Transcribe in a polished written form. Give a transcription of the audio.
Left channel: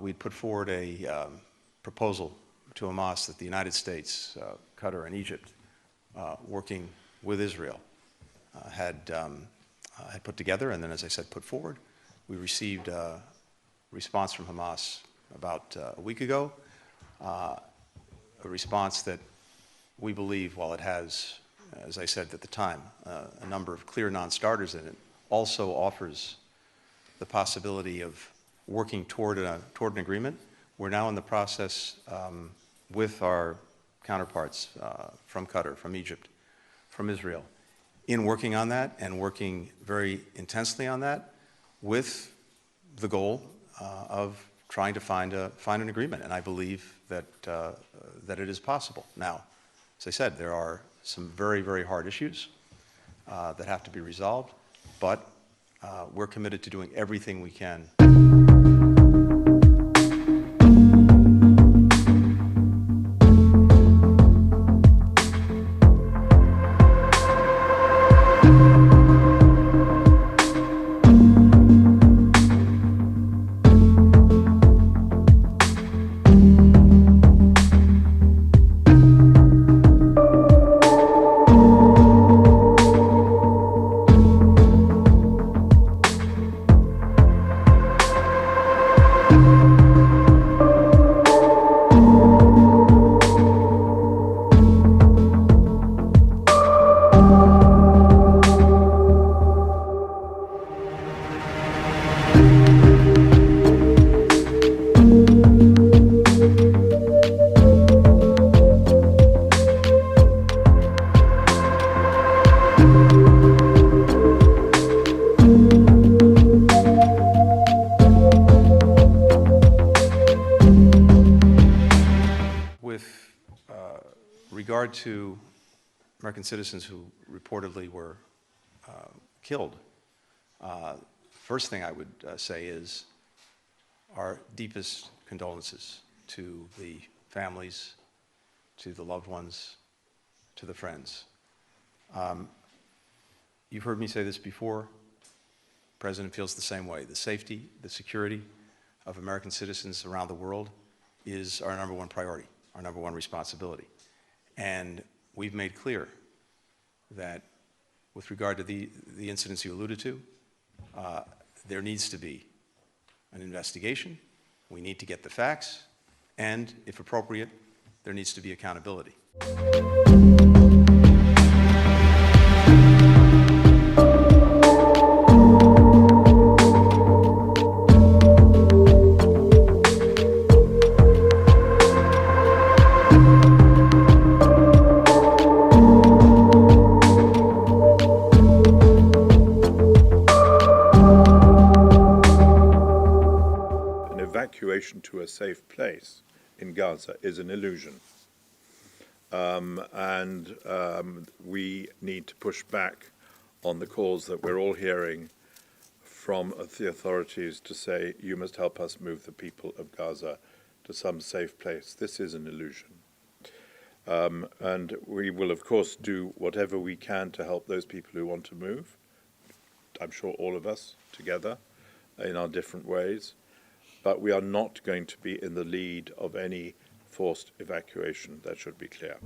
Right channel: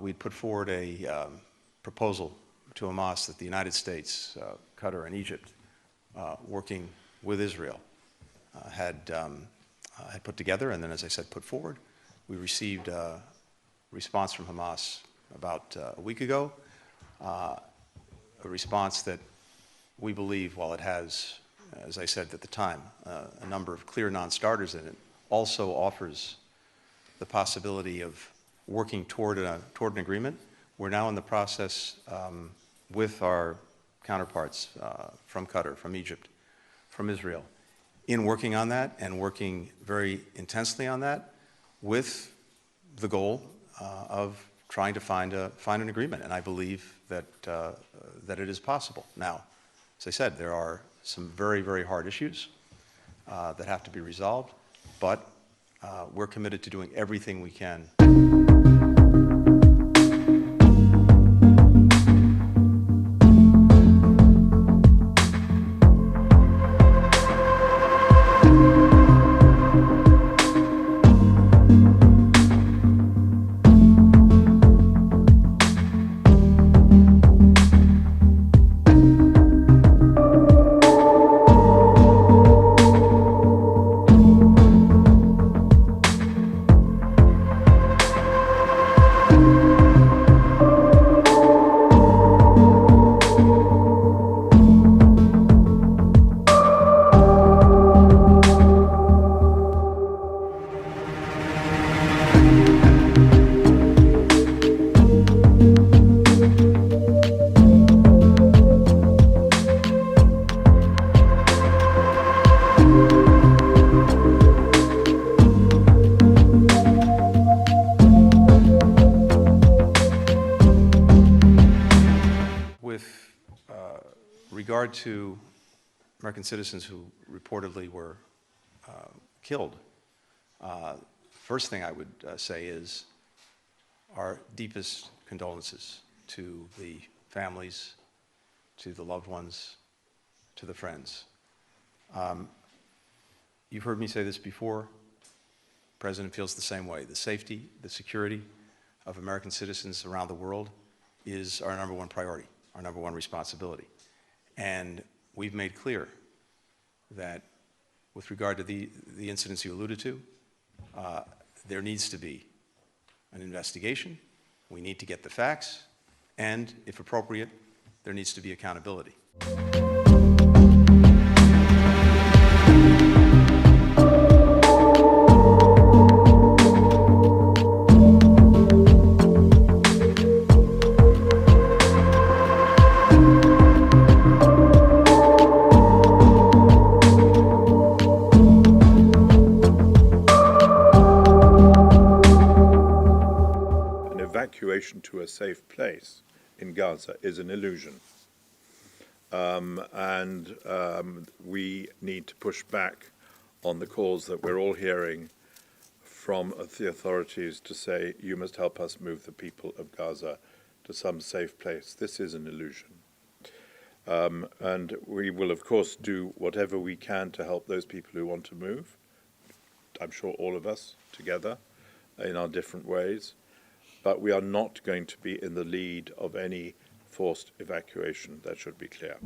we'd put forward a proposal to Hamas that the United States, Qatar, and Egypt, working with Israel, had put together, and then, as I said, put forward. We received a response from Hamas about a week ago, a response that we believe, while it has, as I said at the time, a number of clear non-starters in it, also offers the possibility of working toward an agreement. We're now in the process with our counterparts from Qatar, from Egypt, from Israel, in working on that and working very intensely on that, with the goal of trying to find an agreement. And I believe that that it is possible. Now, as I said, there are some very, very hard issues that have to be resolved, but we're committed to doing everything we can. With regard to American citizens who reportedly were killed, first thing I would say is our deepest condolences to the families, to the loved ones, to the friends. You've heard me say this before. The President feels the same way. The safety, the security of American citizens around the world is our number one priority, our number one responsibility. And we've made clear that with regard to the incidents you alluded to, there needs to be an investigation. We need to get the facts, and if appropriate, there needs to be accountability. Evacuation to a safe place in Gaza is an illusion. We need to push back on the calls that we're all hearing from the authorities to say, you must help us move the people of Gaza to some safe place. This is an illusion. And we will, of course, do whatever we can to help those people who want to move. I'm sure all of us together in our different ways. But we are not going to be in the lead of any forced evacuation. That should be clear.